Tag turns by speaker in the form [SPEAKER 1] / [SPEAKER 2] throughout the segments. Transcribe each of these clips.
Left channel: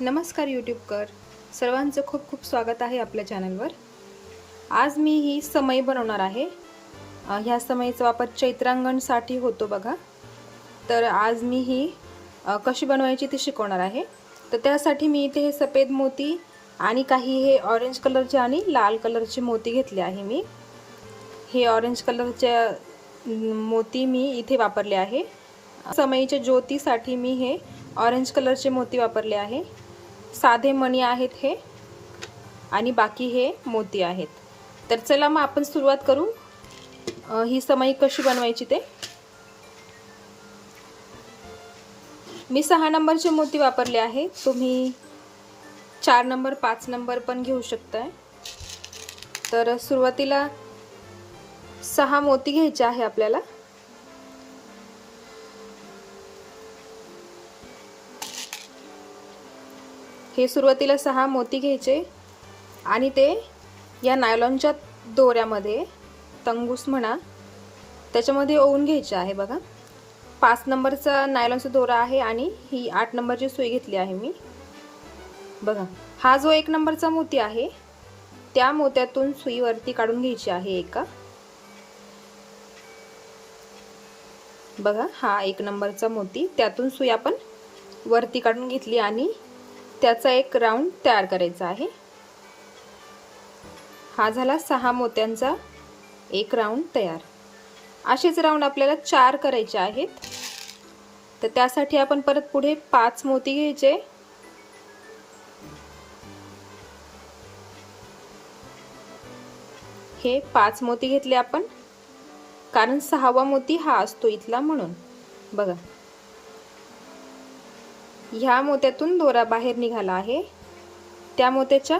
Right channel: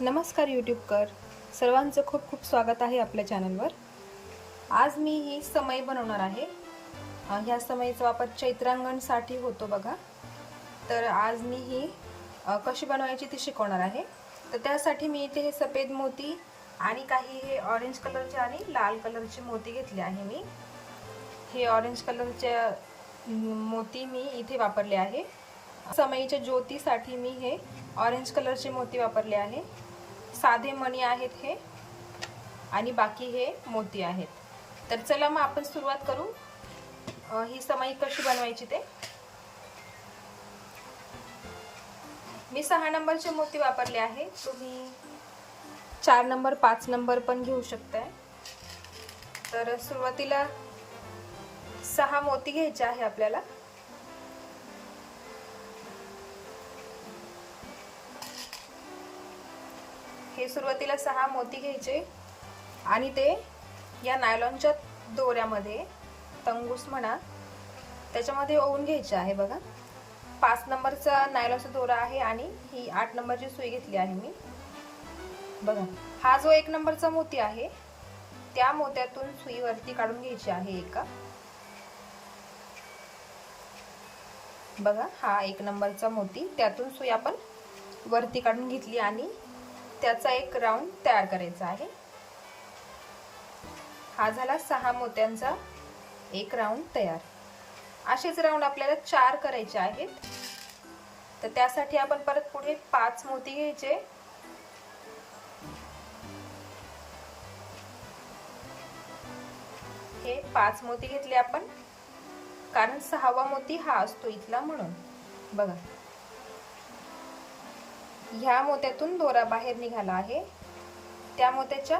[SPEAKER 1] नमस्कार यूट्यूबकर. सर्वांचं खूप खूप स्वागत आहे आपल्या चॅनलवर. आज मी ही समई बनवणार आहे. ह्या समईचा वापर चैत्रांगणसाठी होतो बघा. तर आज मी ही कशी बनवायची ती शिकवणार आहे. तर त्यासाठी मी इथे हे सफेद मोती आणि काही हे ऑरेंज कलरचे आणि लाल कलरचे मोती घेतले आहे मी. हे ऑरेंज कलरच्या मोती मी इथे वापरले आहे. समईच्या ज्योतीसाठी मी हे ऑरेंज कलरचे मोती वापरले आहे. साधे मणी आहेत हे आणि बाकी हे मोती आहेत. तर चला मग आपण सुरुवात करू. ही समई कशी बनवायची ते? मी सहा नंबरचे मोती वापरले आहे. तुम्ही चार नंबर पाच नंबर पण घेऊ शकताय. तर सुरुवातीला सहा मोती घ्यायचे आहे आपल्याला. हे सुरुवातीला सहा मोती घ्यायचे आणि ते या नायलॉनच्या दोऱ्यामध्ये तंगूस म्हणा त्याच्यामध्ये ओवून घ्यायचे आहे बघा. पाच नंबरचा नायलॉनचा दोरा आहे आणि ही आठ नंबरची सुई घेतली आहे मी. बघा हा जो एक नंबरचा मोती आहे त्या मोत्यातून सुईवरती काढून घ्यायची आहे एका. बघा हा एक नंबरचा मोती त्यातून सुई आपण वरती काढून घेतली आणि त्याचा एक राऊंड तयार करायचा आहे. हा झाला सहा मोत्यांचा एक राऊंड तयार. असेच राऊंड आपल्याला चार करायचे आहेत. तर त्यासाठी आपण परत पुढे पाच मोती घ्यायचे. हे पाच मोती घेतले आपण. कारण सहावा मोती हा असतो इथला म्हणून. बघा. ह्या मोत्यातून दोरा बाहेर निघाला आहे. त्या मोत्याच्या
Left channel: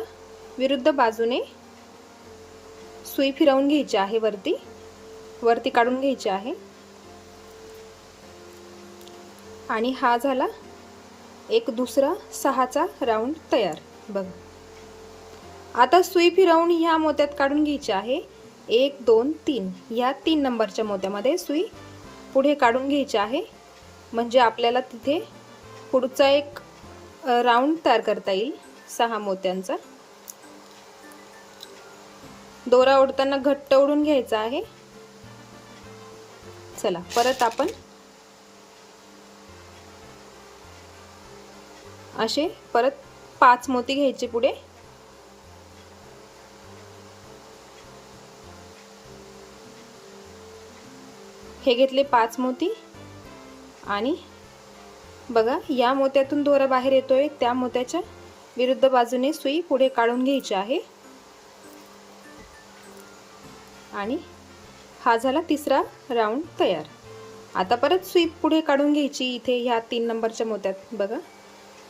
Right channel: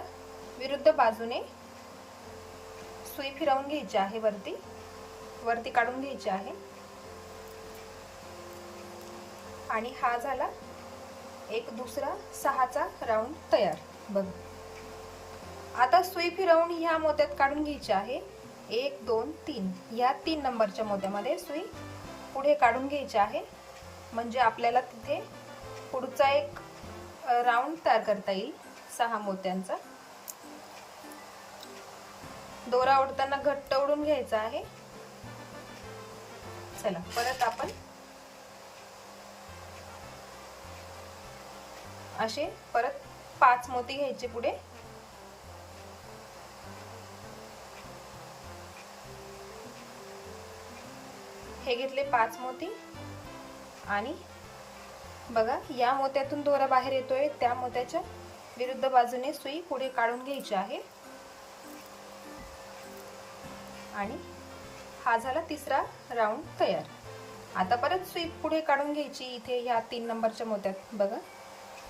[SPEAKER 1] विरुद्ध बाजूने सुई फिरवून घ्यायची आहे वरती. वरती काढून घ्यायची आहे. आणि हा झाला एक दुसरा सहाचा राऊंड तयार. बघ. आता सुई फिरवून ह्या मोत्यात काढून घ्यायची आहे. एक दोन तीन. ह्या तीन नंबरच्या मोत्यामध्ये सुई पुढे काढून घ्यायची आहे. म्हणजे आपल्याला तिथे पुढचा एक राऊंड तयार करता येईल सहा मोत्यांचा. दोरा ओढताना घट्ट ओढून घ्यायचा आहे. चला परत आपण असे परत पाच मोती घ्यायचे पुढे. हे घेतले पाच मोती आणि बघा या मोत्यातून दोरा बाहेर येतोय. त्या मोत्याच्या विरुद्ध बाजूने सुई पुढे काढून घ्यायची आहे. आणि हा झाला तिसरा राऊंड तयार. आता परत सुई पुढे काढून घ्यायची. इथे ह्या तीन नंबरच्या मोत्यात बघा.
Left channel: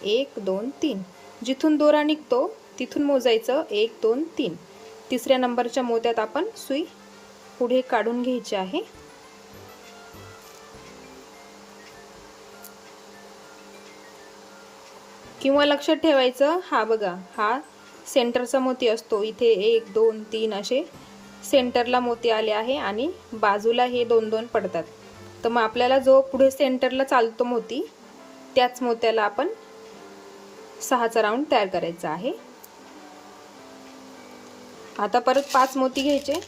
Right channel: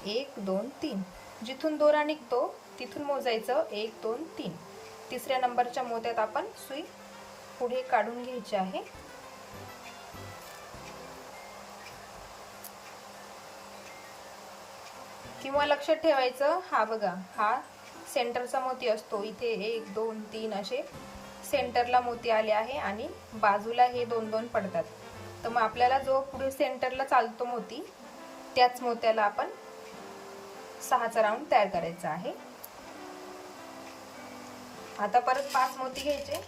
[SPEAKER 1] एक दोन तीन. जिथून दोरा निघतो तिथून मोजायचं. एक दोन तीन. तिसऱ्या नंबरच्या मोत्यात आपण सुई पुढे काढून घ्यायची आहे. किंवा लक्षात ठेवायचं हा बघा हा सेंटरचा मोती असतो. इथे एक दोन तीन असे सेंटरला मोती आले आहे आणि बाजूला हे दोन दोन पडतात. तर मग आपल्याला जो पुढे सेंटरला चालतो मोती त्याच मोत्याला आपण सहाचा राऊंड तयार करायचा आहे. आता परत पाच मोती घ्यायचे.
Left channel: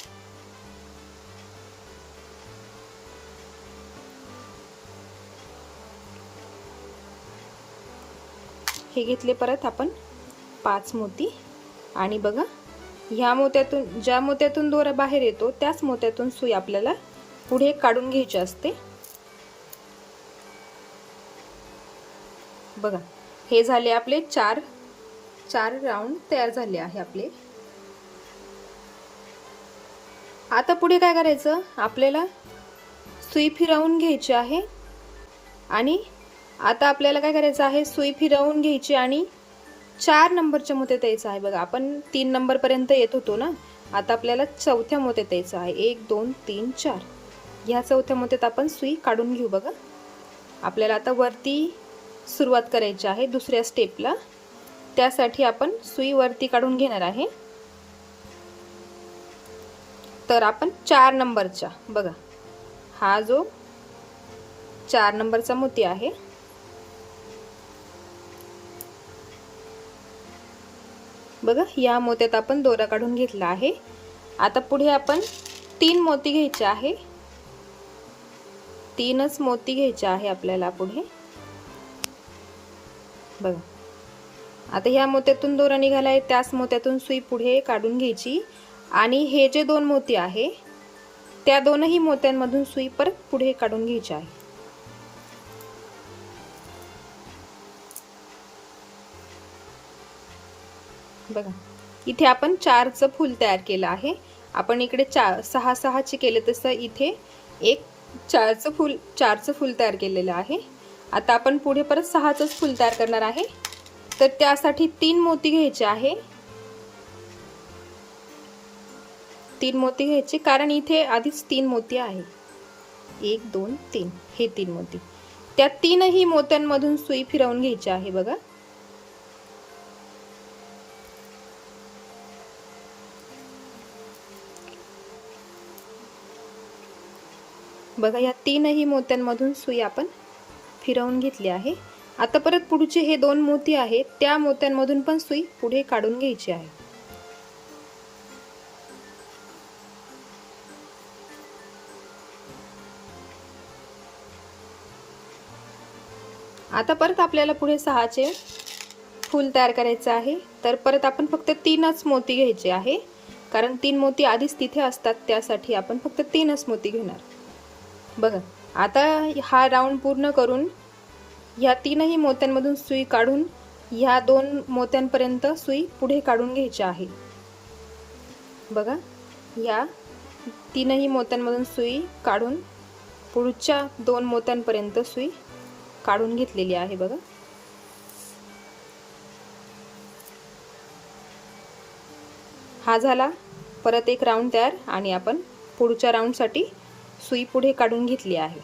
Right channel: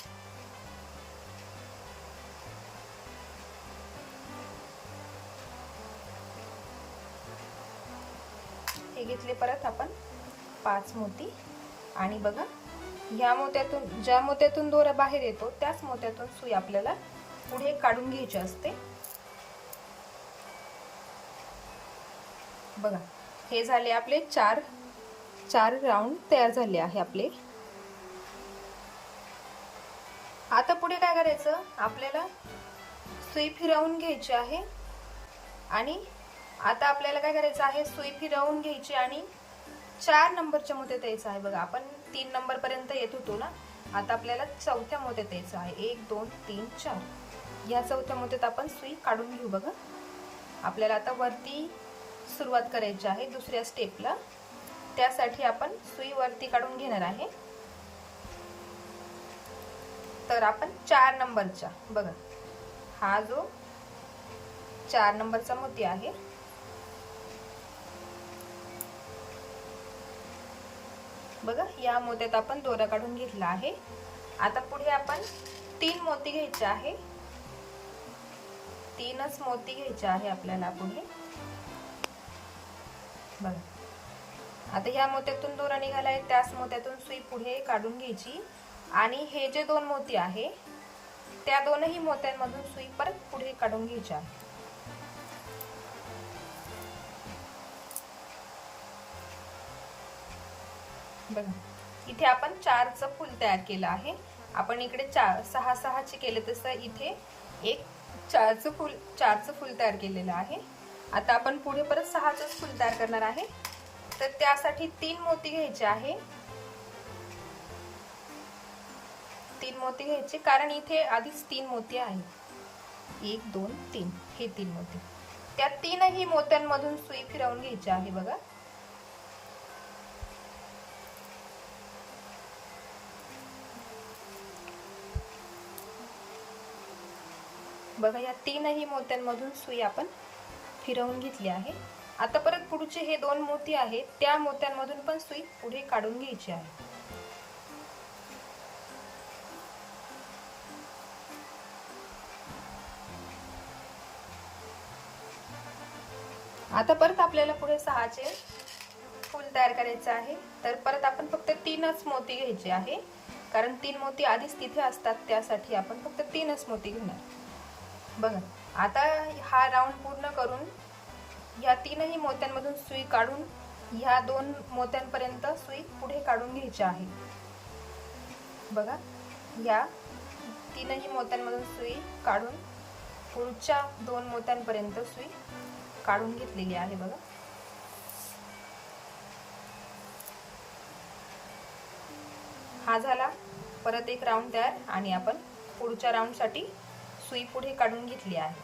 [SPEAKER 1] हे घेतले परत आपण पाच मोती. आणि बघा ह्या मोत्यातून ज्या मोत्यातून दोरा बाहेर येतो त्याच मोत्यातून सुई आपल्याला पुढे काढून घ्यायची असते. बघा हे झाले आपले चार चार राऊंड तयार झाले आहे आपले. आता पुढे काय करायचं? आपल्याला सुई फिरवून घ्यायची आहे. आणि आता आपल्याला काय करायचं आहे? सुई फिरवून घ्यायची आणि चार नंबरच्या मोत्यात यायचं आहे. बघा आपण तीन नंबरपर्यंत येत होतो ना? आता आपल्याला चौथ्या मोत्यात यायचं आहे. एक दोन तीन चार. ह्या चौथ्या मोत्यात आपण सुई काढून घेऊ बघा. आपल्याला आता वरती सुरुवात करायची आहे दुसऱ्या स्टेपला त्यासाठी आपण सुई वरती काढून घेणार आहे. तर आपण चार नंबरच्या बघा. हा जो चार नंबरचा मोती आहे बघा या मोत्यात आपण दोरा काढून घेतला आहे. आता पुढे आपण तीन मोती घ्यायचे आहे. तीनच मोती घ्यायचे आहे आपल्याला पुढे. बघा. आता ह्या मोत्यातून दोरा निघाला आहे त्याच मोत्यातून सुई पुढे काढून घ्यायची. आणि हे जे दोन मोती आहे त्या दोनही मोत्यांमधून सुई परत पुढे काढून घ्यायची आहे बघा. इथे आपण चारचं फूल तयार केलं आहे. आपण इकडे चार सहा सहाचे केले तसं इथे एक चारचं फूल चारचं फूल तयार केलेलं आहे. आता आपण पुढे परत सहाचंच फूल तयार करणार आहे. तर त्यासाठी तीन मोती घ्यायचे आहे. तीन मोती घ्यायचे कारण इथे आधीच तीन मोती आहेत. एक दोन तीन हे तीन मोती. त्या तीनही मोत्यांमधून सुई फिरवून घ्यायची आहे बघा. बघा या तीनही मोत्यांमधून सुई आपण फिरवून घेतली आहे. आता परत पुढचे हे दोन मोती आहेत त्या मोत्यांमधून पण सुई पुढे काढून घ्यायची आहे. आता परत आपल्याला पुढे सहाचे फूल तयार करायचं आहे. तर परत आपण फक्त तीनच मोती घ्यायचे आहे. कारण तीन मोती आधीच तिथे असतात त्यासाठी आपण फक्त तीनच मोती घेणार. बघा आता हा राऊंड पूर्ण करून ह्या तीनही मोत्यांमधून सुई काढून ह्या दोन मोत्यांपर्यंत सुई पुढे काढून घ्यायची आहे. बघा या तीनही मोत्यांमधून सुई काढून पुढच्या दोन मोत्यांपर्यंत सुई काढून घेतलेली आहे बघा. हा झाला परत एक राऊंड तयार आणि आपण पुढच्या राऊंडसाठी सुई पुढे काढून घेतली आहे.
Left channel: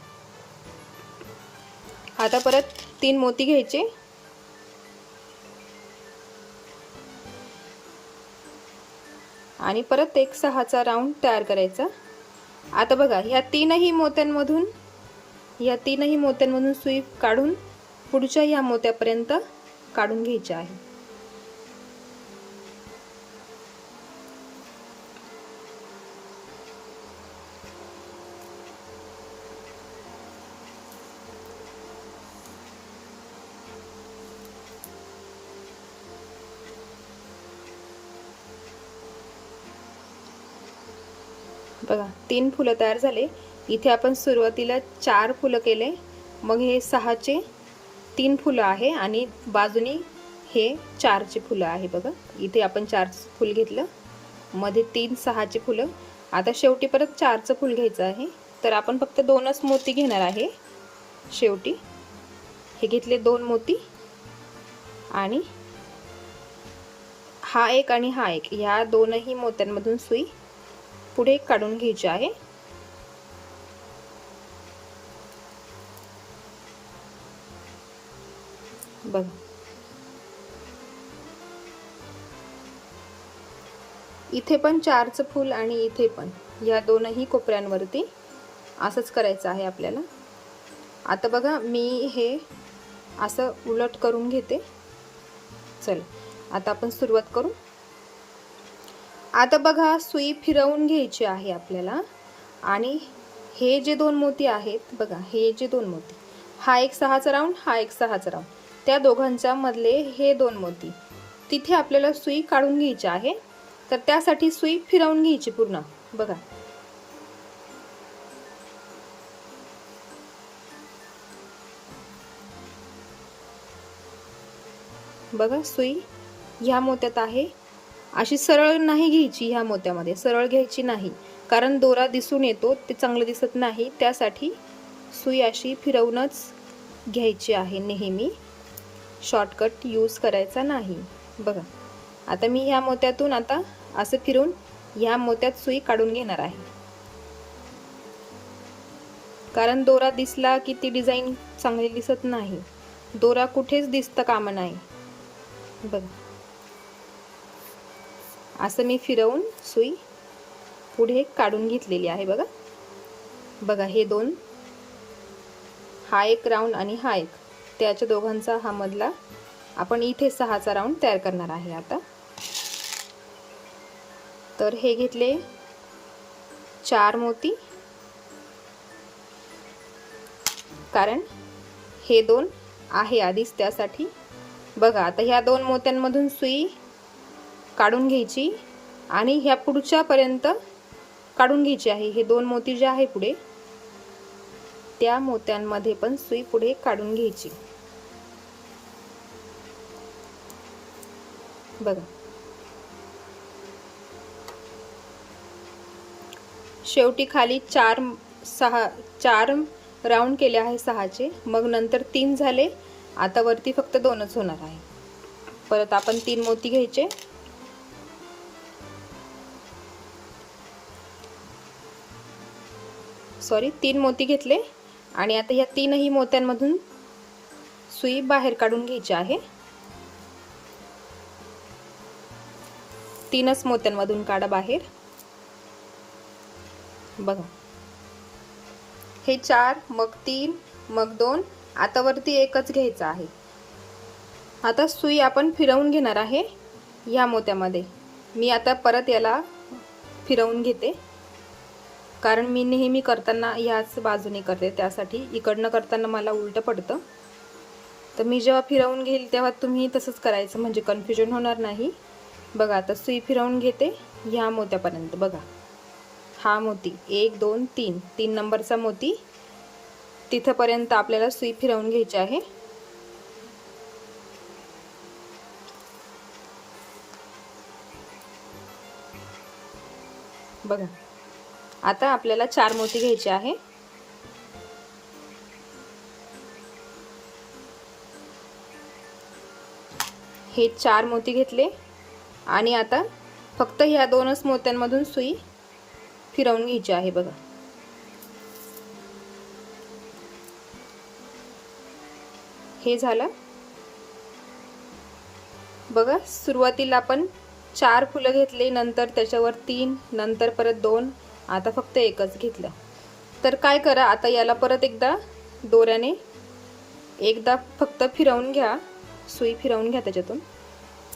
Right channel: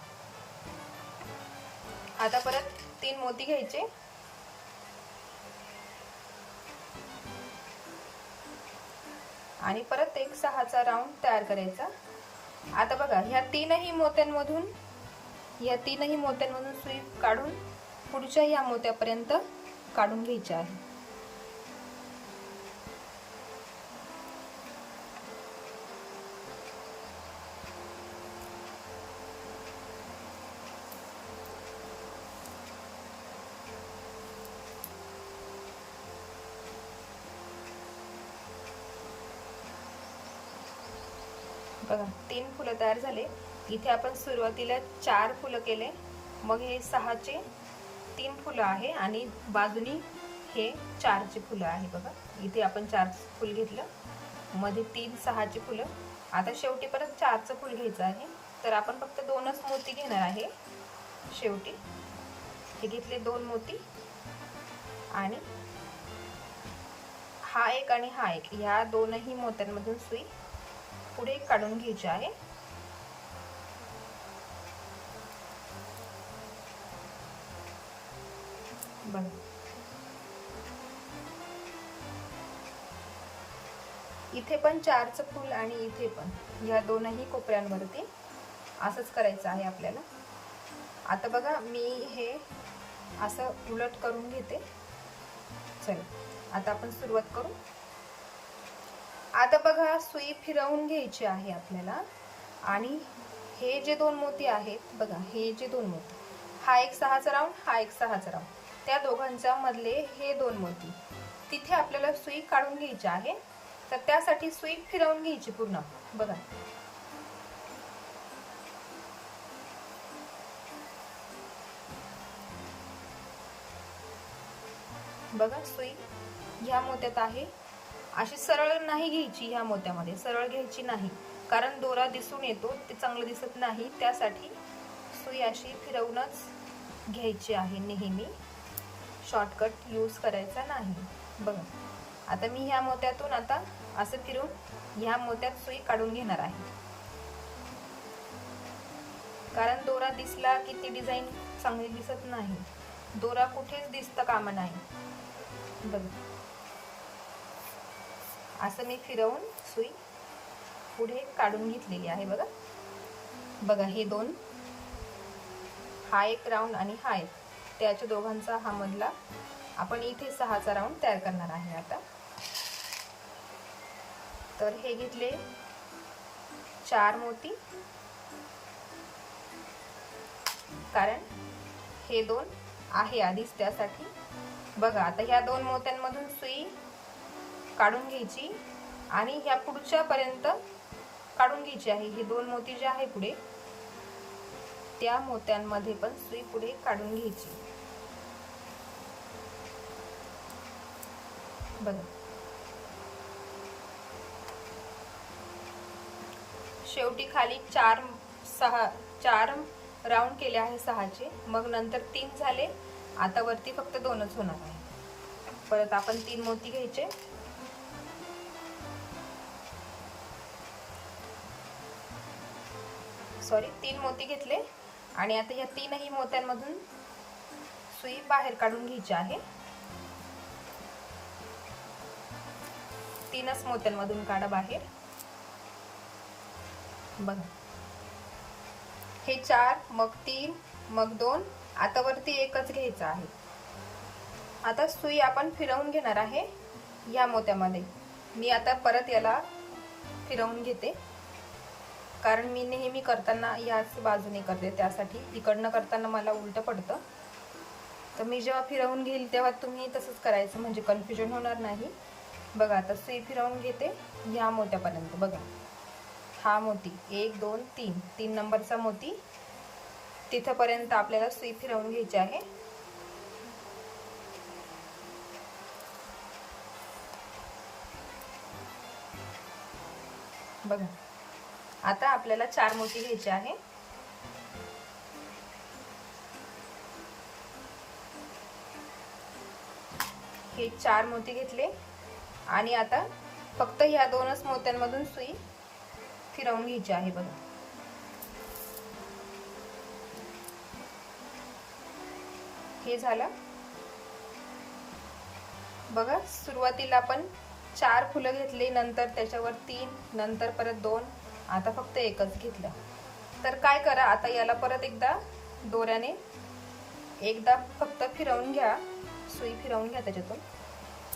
[SPEAKER 1] आता परत तीन मोती घ्यायचे. आणि परत एक सहाचा राऊंड तयार करायचा. आता बघा ह्या तीनही मोत्यांमधून या तीनही मोत्यांमधून सुई काढून पुढच्या ह्या मोत्यापर्यंत काढून घ्यायचे आहे. बघा तीन फुलं तयार झाले. इथे आपण सुरुवातीला चार फुलं केले. मग हे सहाचे तीन फुलं आहे आणि बाजूनी हे चारचे फुलं आहे बघा. इथे आपण चार फुल घेतलं. मध्ये तीन सहाचे फुलं. आता शेवटी परत चारचं फुल घ्यायचं आहे. तर आपण फक्त दोनच मोती घेणार आहे. शेवटी हे घेतले दोन मोती. आणि हा एक आणि हा एक. ह्या दोनही मोत्यांमधून सुई पुढे काढून घ्यायची आहे. बघ. इथे पण चारचं फूल आणि इथे पण. या दोनही कोपऱ्यांवरती असंच करायचं आहे आपल्याला. आता बघा मी हे असं उलट करून घेते. चल आता आपण सुरुवात करू. आता बघा सुई फिरवून घ्यायची आहे आपल्याला. आणि हे जे दोन मोती आहेत बघा हे जे दोन मोती. हा एक सहाचा राऊंड हा एक सहाचा राऊंड त्या दोघांच्या मधले हे दोन मोती. तिथे आपल्याला सुई काढून घ्यायची आहे. तर त्यासाठी सुई फिरवून घ्यायची पूर्ण. बघा. बघा सुई ह्या मोत्यात आहे. अशी सरळ नाही घ्यायची ह्या मोत्यामध्ये सरळ घ्यायची नाही. कारण दोरा दिसून येतो ते चांगलं दिसत नाही. त्यासाठी सुई अशी फिरवूनच घ्यायची आहे नेहमी. शॉर्टकट यूज करायचा नाही. बघा आता मी ह्या मोत्यातून आता असं फिरून ह्या मोत्यात सुई काढून घेणार आहे. कारण दोरा दिसला की ती डिझाईन चांगली दिसत नाही. दोरा कुठेच दिसतं कामा नाही. बघा. असं मी फिरवून सुई पुढे काढून घेतलेली आहे बघा. बघा हे दोन. हा एक राऊंड आणि हा एक. त्याच्या दोघांचा हा मधला. आपण इथे सहाचा राऊंड तयार करणार आहे आता. तर हे घेतले चार मोती. कारण हे दोन आहे आधीच त्यासाठी. बघा आता ह्या दोन मोत्यांमधून सुई काढून घ्यायची आणि ह्या पुढच्यापर्यंत काढून घ्यायची आहे. हे दोन मोती जे आहे पुढे त्या मोत्यांमध्ये पण सुई पुढे काढून घ्यायची. बघा. शेवटी खाली चार सहा चार राऊंड केले आहे सहाचे. मग नंतर तीन झाले. आता वरती फक्त दोनच होणार आहे. परत आपण तीन मोती घ्यायचे. सॉरी तीन मोती घेतले. आणि आता ह्या तीनही मोत्यांमधून सुई बाहेर काढून घ्यायची आहे. तीनच मोत्यांमधून काढा बाहेर. बघा. हे चार मग तीन मग दोन आता वरती एकच घ्यायचं आहे. आता सुई आपण फिरवून घेणार आहे ह्या मोत्यामध्ये. मी आता परत याला फिरवून घेते. कारण मी नेहमी करताना ह्याच बाजूने करते त्यासाठी इकडनं करताना मला उलटं पडतं. तर मी जेव्हा फिरवून घेईल तेव्हा तुम्ही तसंच करायचं म्हणजे कन्फ्युजन होणार नाही. बघा आता सुई फिरवून घेते ह्या मोत्यापर्यंत बघा. हा मोती एक दोन तीन. तीन नंबरचा मोती. तिथंपर्यंत आपल्याला सुई फिरवून घ्यायची आहे. बघा. आता आपल्याला चार मोती घ्यायचे आहे. हे चार मोती घेतले. आणि आता फक्त ह्या दोनच मोत्यांमधून सुई फिरवून घ्यायची आहे बघा. हे झालं. बघा सुरुवातीला आपण चार फुलं घेतले नंतर त्याच्यावर तीन नंतर परत दोन आता फक्त एकच घेतलं. तर काय करा आता याला परत एकदा दोऱ्याने एकदा फक्त फिरवून घ्या सुई फिरवून घ्या त्याच्यातून.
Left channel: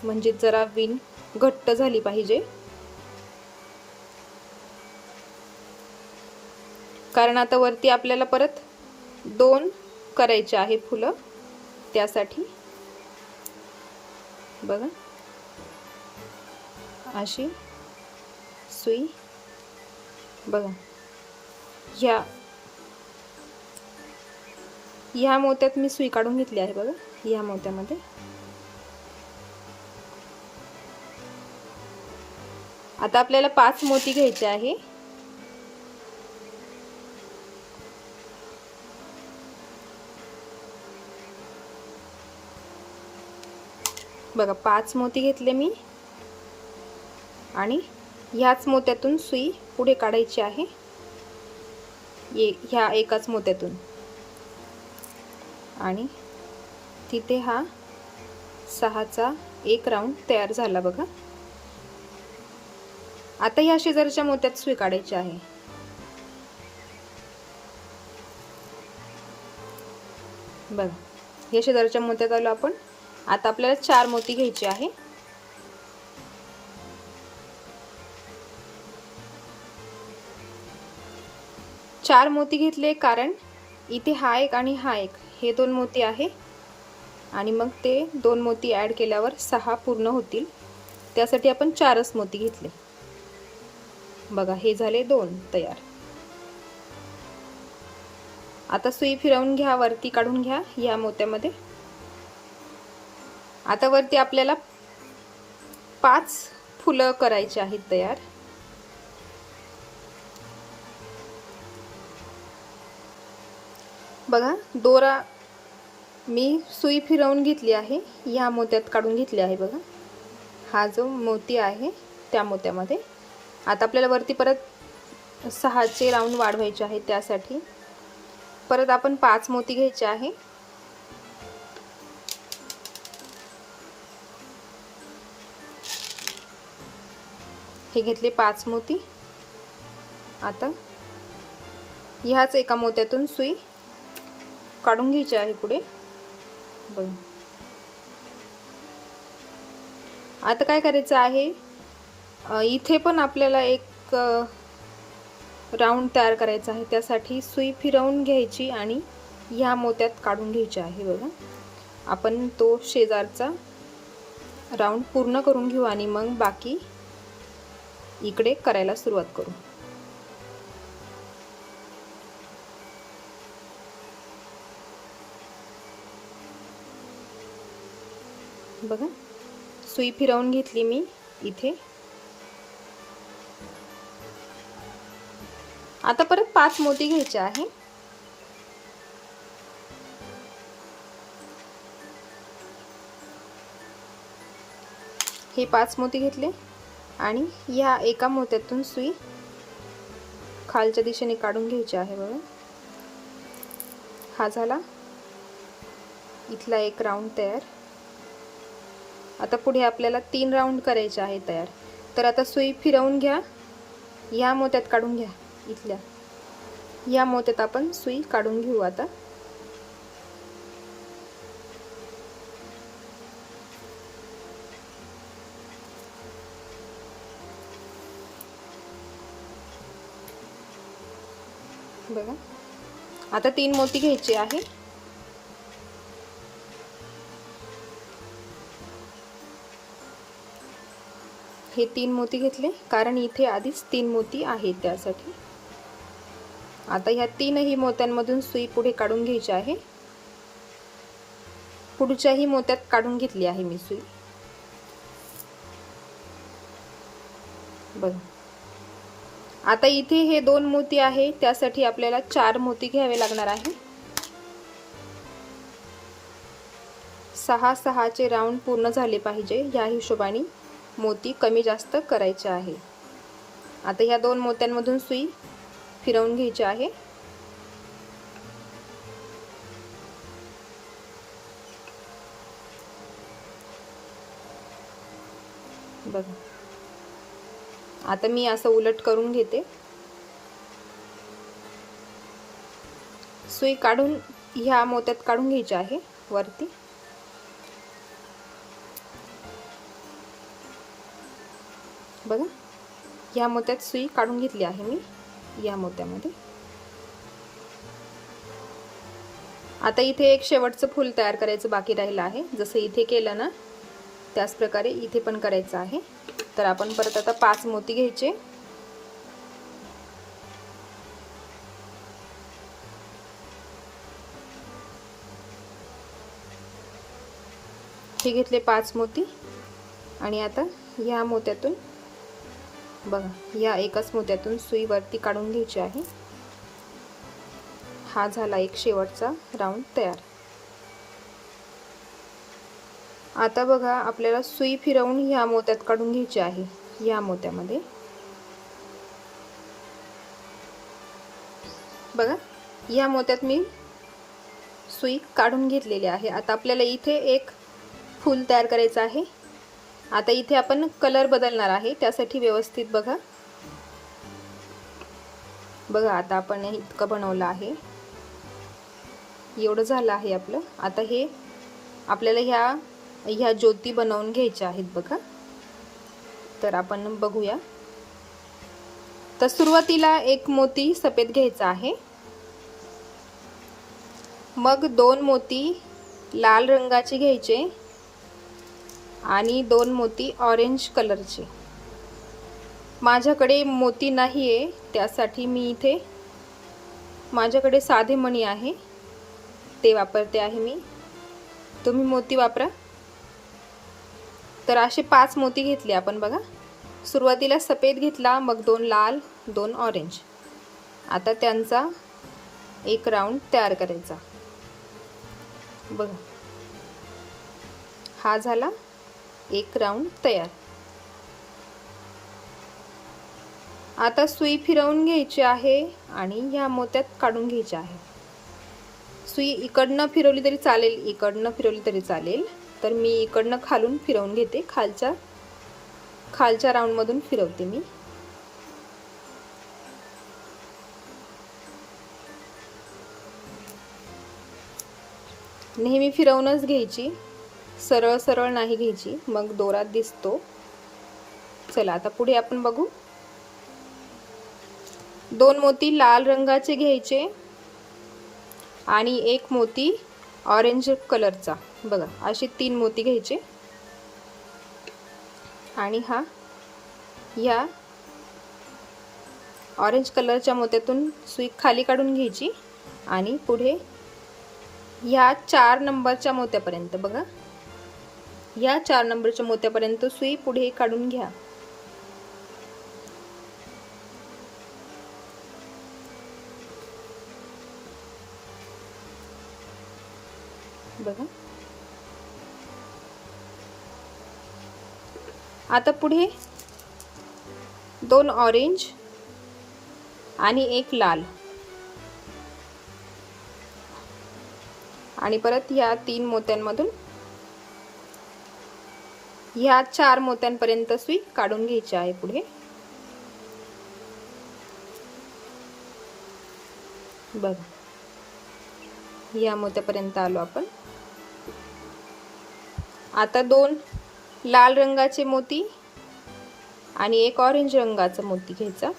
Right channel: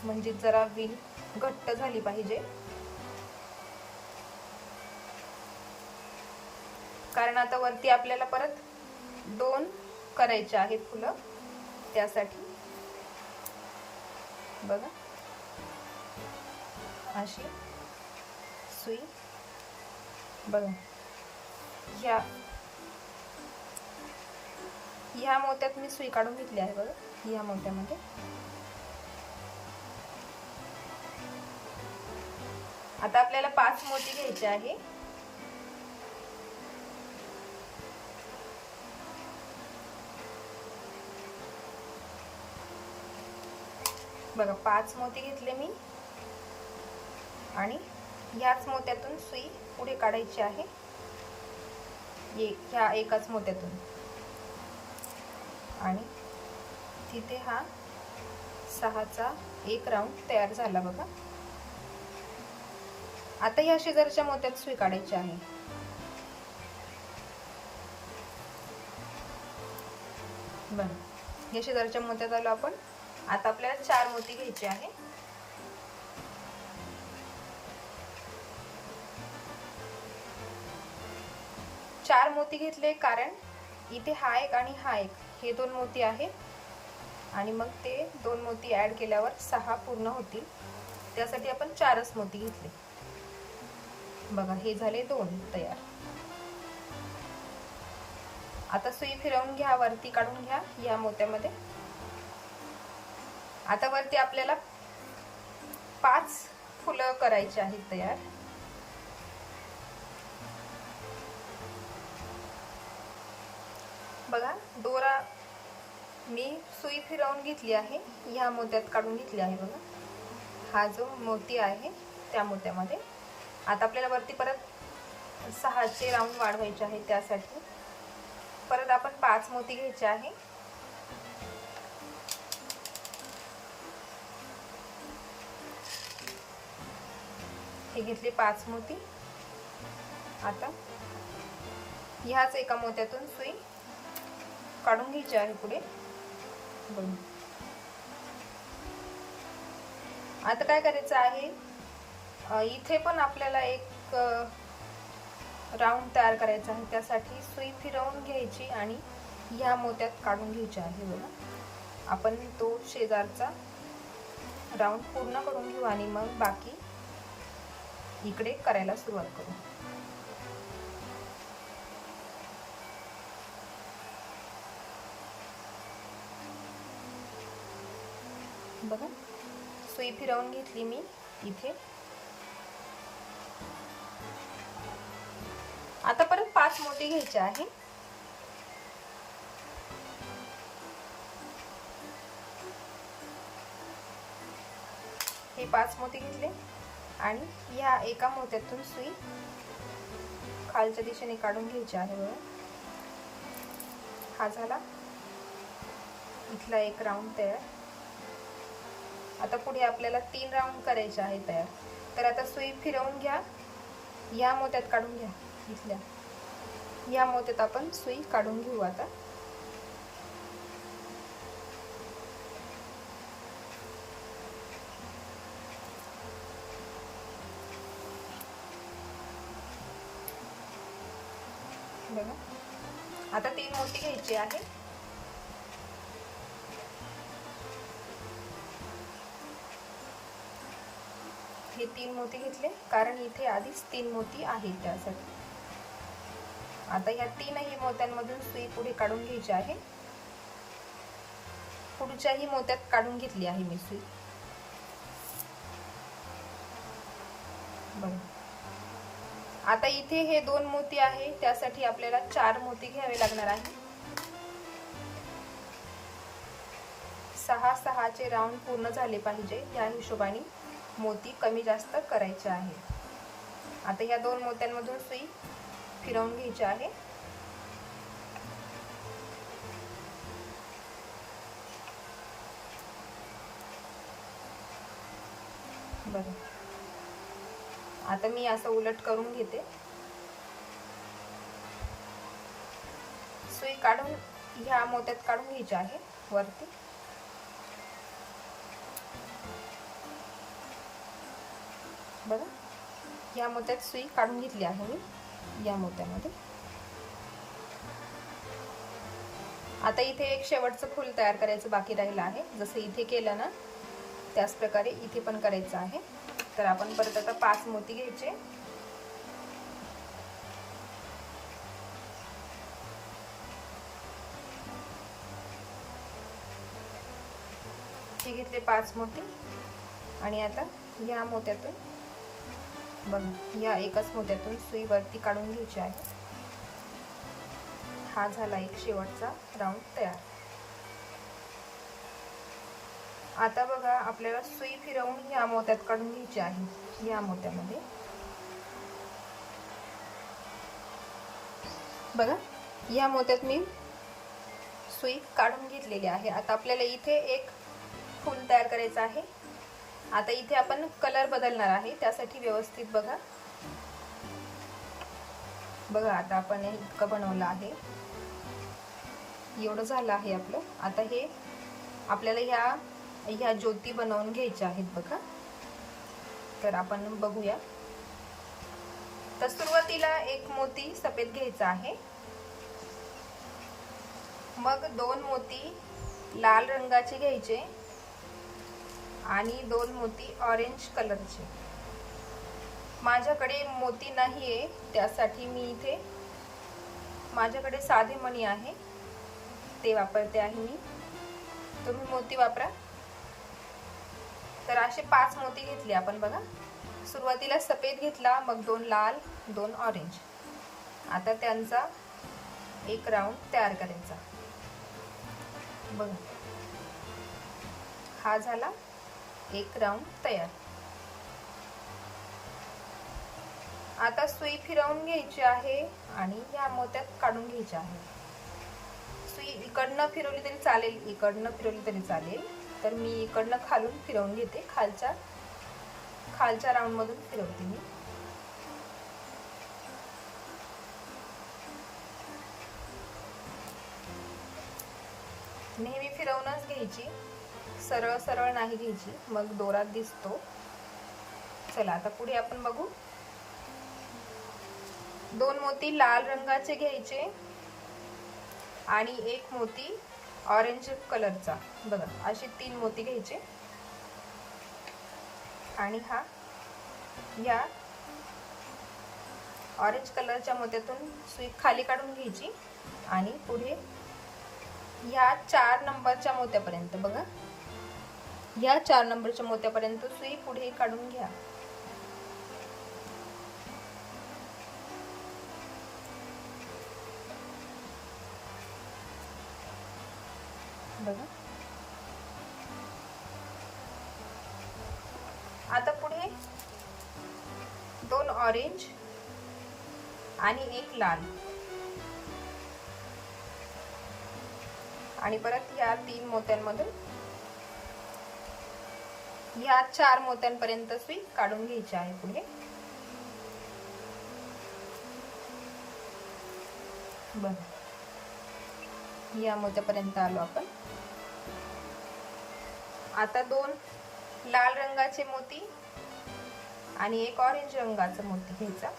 [SPEAKER 1] म्हणजे जरा विण घट्ट झाली पाहिजे. कारण आता वरती आपल्याला परत दोन करायचे आहेत फुलं त्यासाठी. बघा. अशी सुई. बघा. ह्या ह्या मोत्यात मी सुई काढून घेतली आहे बघा. ह्या मोत्यामध्ये. आता आपल्याला पाच मोती घ्यायचे आहे. बघा पाच मोती घेतले मी. आणि ह्याच मोत्यातून सुई पुढे काढायची आहे. ये ह्या एकाच मोत्यातून. आणि तिथे हा सहाचा एक राऊंड तयार झाला बघा. आता ह्या शेजारच्या मोत्यात सुई काढायची आहे. बघा या शेजारच्या मोत्यात आलो आपण. आता आपल्याला चार मोती घ्यायची आहे. चार मोती घेतले कारण इथे हा एक आणि हा एक. हे दोन मोती आहे. आणि मग ते दोन मोती ॲड केल्यावर सहा पूर्ण होतील. त्यासाठी आपण चारच मोती घेतले. बघा हे झाले दोन तयार. आता सुई फिरवून घ्या वरती काढून घ्या या मोत्यामध्ये. आता वरती आपल्याला पाच फुलं करायची आहेत तयार. बघा दोरा मी सुई फिरवून घेतली आहे ह्या मोत्यात काढून घेतली आहे बघा. हा जो मोती आहे त्या मोत्यामध्ये. आता आपल्याला वरती परत सहाचे राऊंड वाढवायचे आहे त्यासाठी. परत आपण पाच मोती घ्यायचे आहे. हे घेतले पाच मोती. आता ह्याच एका मोत्यातून सुई काढून घ्यायचे आहे पुढे. बघ आता काय करायचं आहे? इथे पण आपल्याला एक राऊंड तयार करायचा आहे. त्यासाठी सुई फिरवून घ्यायची आणि ह्या मोत्यात काढून घ्यायची आहे बघा. आपण तो शेजारचा राऊंड पूर्ण करून घेऊ आणि मग बाकी इकडे करायला सुरुवात करू. बघा. सुई फिरवून घेतली मी इथे. आता परत पाच मोती घ्यायचे आहे. हे पाच मोती घेतले आणि या एका मोत्यातून सुई खालच्या दिशेने काढून घ्यायची आहे बघा. हा झाला. इथला एक राऊंड तयार. आता पुढे आपल्याला तीन राऊंड करायचे आहे तयार. तर आता सुई फिरवून घ्या. या मोत्यात काढून घ्या. इथल्या. या मोत्यात आपण सुई काढून घेऊ आता. बघा. आता तीन मोती घ्यायची आहे. हे तीन मोती घेतले. कारण इथे आधीच तीन मोती आहेत त्यासाठी. आता ह्या तीनही मोत्यांमधून सुई पुढे काढून घ्यायची आहे. पुढच्याही मोत्यात काढून घेतली आहे मी सुई. बघ. आता इथे हे दोन मोती आहे. त्यासाठी आपल्याला चार मोती घ्यावे लागणार आहे. सहा सहाचे राऊंड पूर्ण झाले पाहिजे. या हिशोबाने मोती कमी जास्त करायचे आहे. आता ह्या दोन मोत्यांमधून सुई फिरवून घ्यायची आहे. बघा. आता मी असं उलट करून घेते. सुई काढून ह्या मोत्यात काढून घ्यायची आहे वरती. बघा. या मोत्यात सुई काढून घेतली आहे मी. या मोत्यामध्ये. आता इथे एक शेवटचं फूल तयार करायचं बाकी राहिलं आहे. जसं इथे केलं ना त्याच प्रकारे इथे पण करायचं आहे. तर आपण परत आता पाच मोती घ्यायचे. हे घेतले पाच मोती. आणि आता या मोत्यातून बघा या एकाच मोत्यातून सुई वरती काढून घ्यायची आहे. हा झाला एक शेवटचा राऊंड तयार. आता बघा आपल्याला सुई फिरवून ह्या मोत्यात काढून घ्यायची आहे. या मोत्यामध्ये बघा या मोत्यात मी सुई काढून घेतलेली आहे. आता आपल्याला इथे एक फूल तयार करायचं आहे. आता इथे आपण कलर बदलणार आहे. त्यासाठी व्यवस्थित बघा. बघा आता आपण इतकं बनवलं आहे. एवढं झालं आहे आपलं. आता हे आपल्याला ह्या ह्या ज्योती बनवून घ्यायच्या आहेत बघा. तर आपण बघूया. तर सुरुवातीला एक मोती सफेद घ्यायचा आहे. मग दोन मोती लाल रंगाचे घ्यायचे. आणि दोन मोती ऑरेंज कलरचे माझ्याकडे मोती नाही आहे त्यासाठी मी इथे माझ्याकडे साधे मणी आहे ते वापरते आहे मी. तुम्ही मोती वापरा. तर असे पाच मोती घेतले आपण बघा. सुरुवातीला सफेद घेतला मग दोन लाल दोन ऑरेंज आता त्यांचा एक राऊंड तयार करायचा. बघा. हा झाला. एक राऊंड तयार. आता सुई फिरवून घ्यायची आहे आणि ह्या मोत्यात काढून घ्यायची आहे. सुई इकडनं फिरवली तरी चालेल इकडनं फिरवली तरी चालेल. तर मी इकडनं खालून फिरवून घेते. खालच्या खालच्या राऊंडमधून फिरवते मी. नेहमी फिरवूनच घ्यायची. सरळ सरळ नाही घ्यायची. मग दोरात दिसतो. चला आता पुढे आपण बघू. दोन मोती लाल रंगाचे घ्यायचे आणि एक मोती ऑरेंज कलरचा बघा असे तीन मोती घ्यायचे. आणि हा या ऑरेंज कलरच्या मोत्यातून सुई खाली काढून घ्यायची. आणि पुढे ह्या चार नंबरच्या मोत्यापर्यंत बघा. या चार नंबरच्या मोत्यापर्यंत सुई पुढे काढून घ्या. बघा. आता पुढे दोन ऑरेंज आणि एक लाल. आणि परत या तीन मोत्यांमधून ह्या चार मोत्यांपर्यंत सुई काढून घ्यायची आहे पुढे. बघा. या मोत्यापर्यंत आलो आपण. आता दोन लाल रंगाचे मोती आणि एक ऑरेंज रंगाचा मोती घ्यायचा.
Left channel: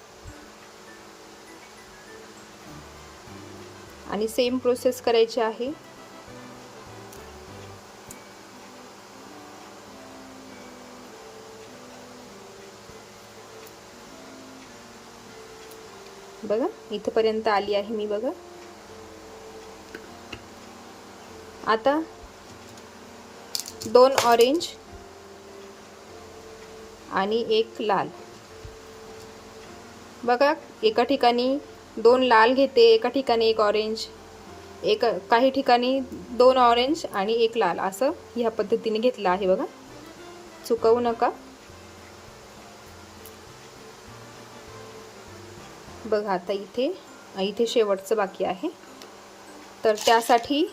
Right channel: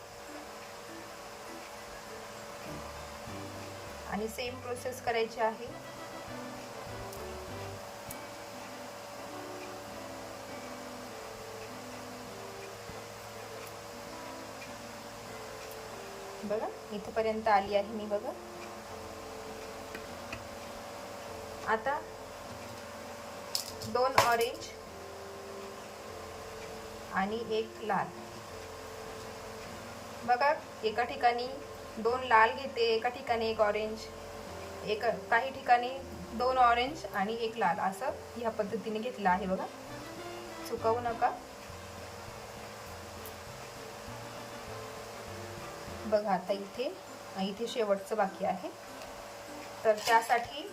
[SPEAKER 1] आणि सेम प्रोसेस करायची आहे. बघा. इथपर्यंत आली आहे मी बघा. आता दोन ऑरेंज आणि एक लाल. बघा एका ठिकाणी दोन लाल घेते एका ठिकाणी एक ऑरेंज एक काही ठिकाणी दोन ऑरेंज आणि एक लाल. असं ह्या पद्धतीने घेतलं आहे बघा. चुकवू नका. बघा आता इथे इथे शेवटचं बाकी आहे. तर त्यासाठी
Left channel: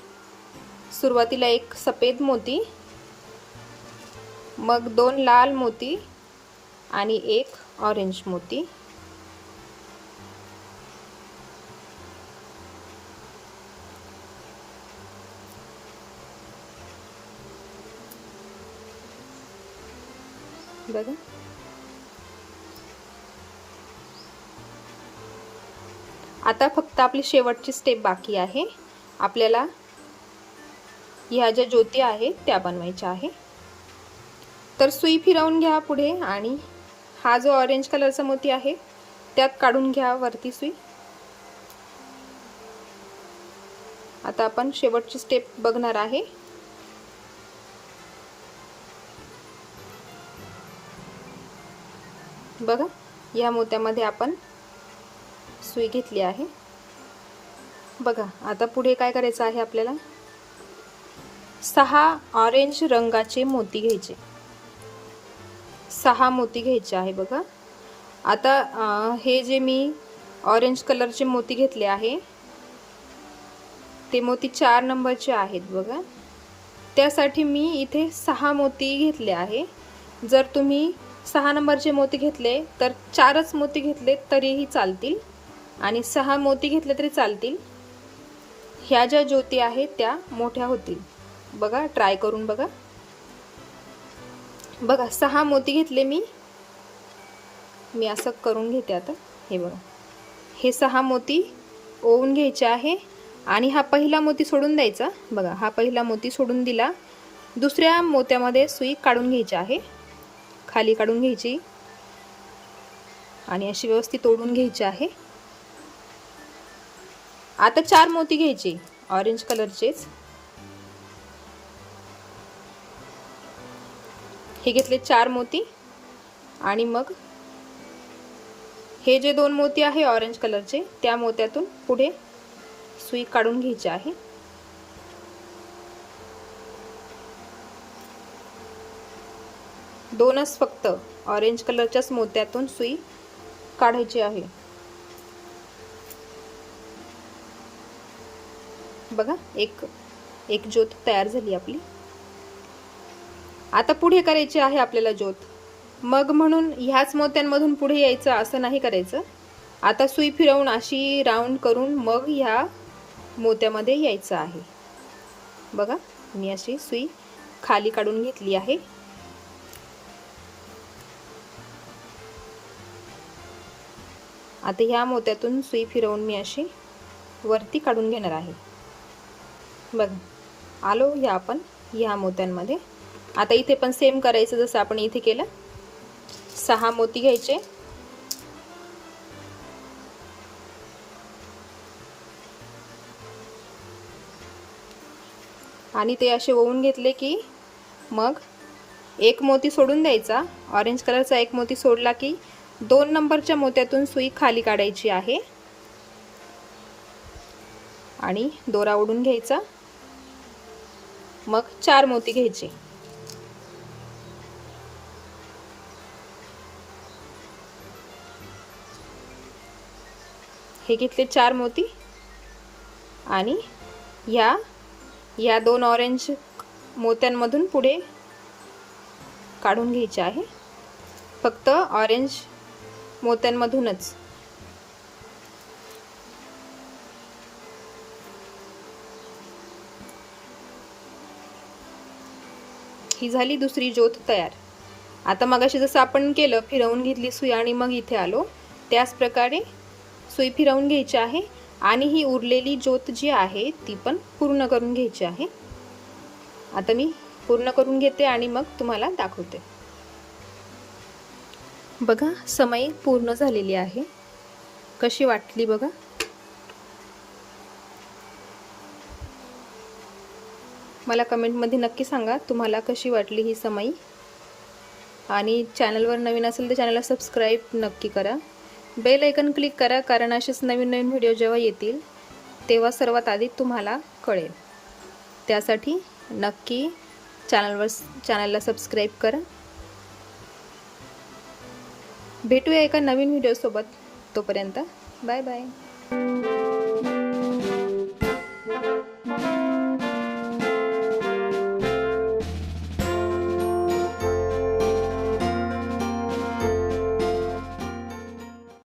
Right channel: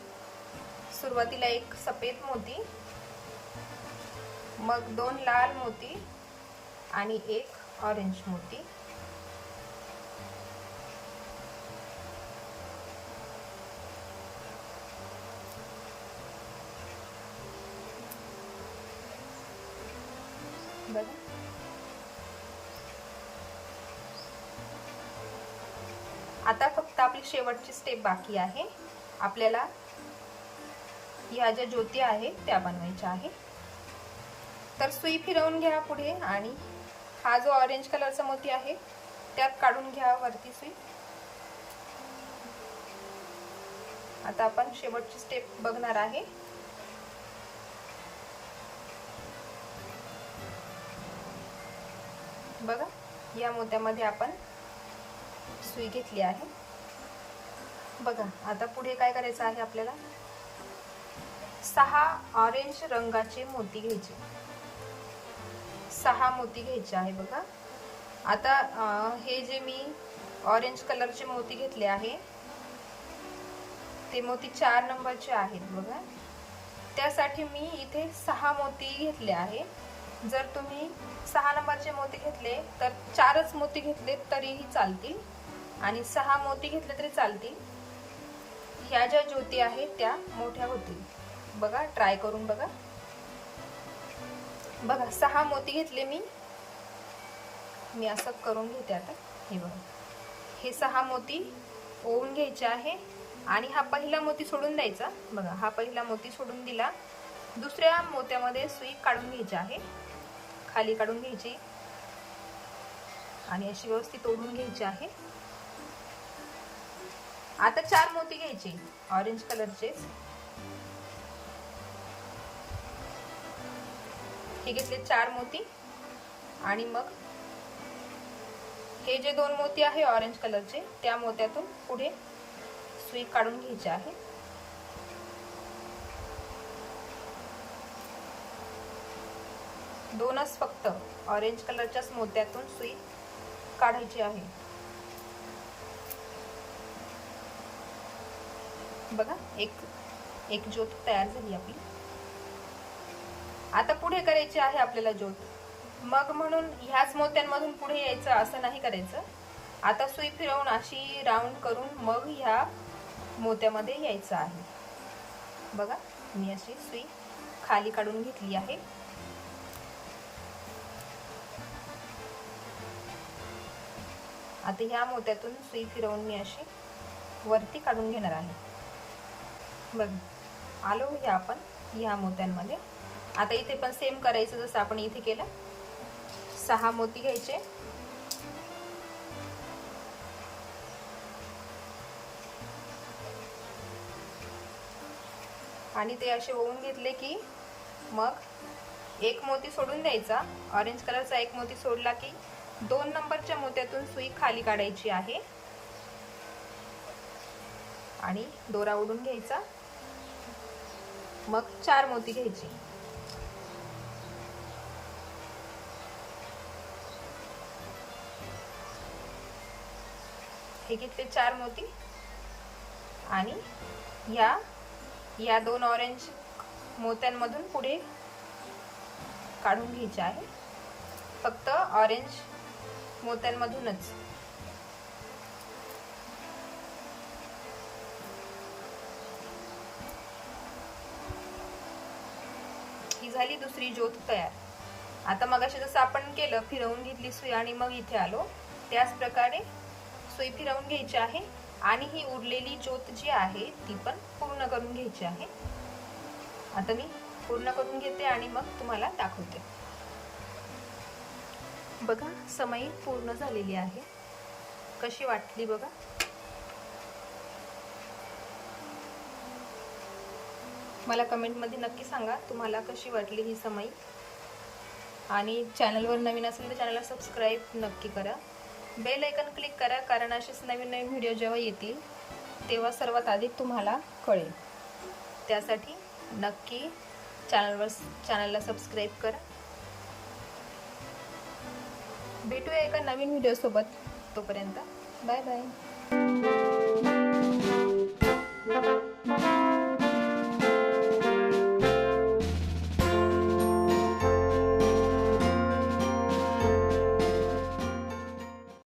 [SPEAKER 1] सुरुवातीला एक सफेद मोती मग दोन लाल मोती आणि एक ऑरेंज मोती. बघा. आता फक्त आपली शेवटची स्टेप बाकी आहे. आपल्याला ह्या ज्या ज्योती आहेत त्या बनवायच्या आहे तर सुई फिरवून घ्या पुढे आणि हा जो ऑरेंज कलरचा मोती आहे त्यात काढून घ्या वरती सुई. आता आपण शेवटची स्टेप बघणार आहे. बघा या मोत्यामध्ये आपण सुई घेतली आहे. बघा आता पुढे काय करायचं आहे आपल्याला? सहा ऑरेंज रंगाचे मोती घ्यायचे. सहा मोती घ्यायचे आहे बघा. आता हे जे मी ऑरेंज कलरचे मोती घेतले आहे ते मोती चार नंबरचे आहेत बघा. त्यासाठी मी इथे सहा मोती घेतले आहे. जर तुम्ही सहा नंबरचे मोती घेतले तर चारच मोती घेतले तरीही चालतील. आणि सहा मोती घेतले तरी चालतील. ह्या ज्या ज्योती आहेत त्या मोठ्या होतील. बघा ट्राय करून बघा. बघा सहा मोती घेतले मी. मी असं करून घेते आता. हे बघा. हे सहा मोती ओवून घ्यायचे आहे आणि हा पहिला मोती सोडून द्यायचा. बघा हा पहिला मोती सोडून दिला. दुसऱ्या मोत्यामध्ये सुई काढून घ्यायची आहे. खाली काढून घ्यायची. आणि अशी व्यवस्थित ओढून घ्यायची आहे. आता चार मोती घ्यायचे. ऑरेंज कलरचेच हे घेतले चार मोती. आणि मग हे जे दोन मोती आहे ऑरेंज कलरचे त्या मोत्यातून पुढे सुई काढून घ्यायची आहे. दोनच फक्त ऑरेंज कलरच्याच मोत्यातून सुई काढायची आहे. बघा एक एक ज्योत तयार झाली आपली. आता पुढे करायची आहे आपल्याला ज्योत. मग म्हणून ह्याच मोत्यांमधून पुढे यायचं असं नाही करायचं. आता सुई फिरवून अशी राऊंड करून मग ह्या मोत्यामध्ये यायचं आहे. बघा मी अशी सुई खाली काढून घेतली आहे. आता ह्या मोत्यातून सुई फिरवून मी अशी वरती काढून घेणार आहे. बघ. आलो ह्या आपण ह्या मोत्यांमध्ये. आता इथे पण सेम करायचं जसं आपण इथे केलं. सहा मोती घ्यायचे. आणि ते असे ओवून घेतले की मग एक मोती सोडून द्यायचा. ऑरेंज कलरचा एक मोती सोडला की दोन नंबरच्या मोत्यातून सुई खाली काढायची आहे. आणि दोरा ओढून घ्यायचा. मग चार मोती घ्यायचे. हे घेतले चार मोती. आणि या या दोन ऑरेंज मोत्यांमधून पुढे काढून घ्यायचे आहे. फक्त ऑरेंज मोत्यांमधूनच. ही झाली दुसरी ज्योत तयार. आता मगाशी जसं आपण केलं फिरवून घेतली सुई आणि मग इथे आलो. त्याच प्रकारे सुई फिरवून घ्यायची आहे आणि ही उरलेली ज्योत जी आहे ती पण पूर्ण करून घ्यायची आहे. आता मी पूर्ण करून घेते आणि मग तुम्हाला दाखवते. बघा समय पूर्ण झालेली आहे. कशी वाटली बघा? मला कमेंटमध्ये नक्की सांगा तुम्हाला कशी वाटली ही समई? आणि चॅनलवर नवीन असेल तर चॅनलला सबस्क्राईब नक्की करा. बेल ऐकन क्लिक करा कारण असेच नवीन नवीन व्हिडिओ जेव्हा येतील तेव्हा सर्वात आधी तुम्हाला कळेल. त्यासाठी नक्की चॅनलवर चॅनलला सबस्क्राईब करा. भेटूया एका नवीन व्हिडिओसोबत. तोपर्यंत बाय बाय.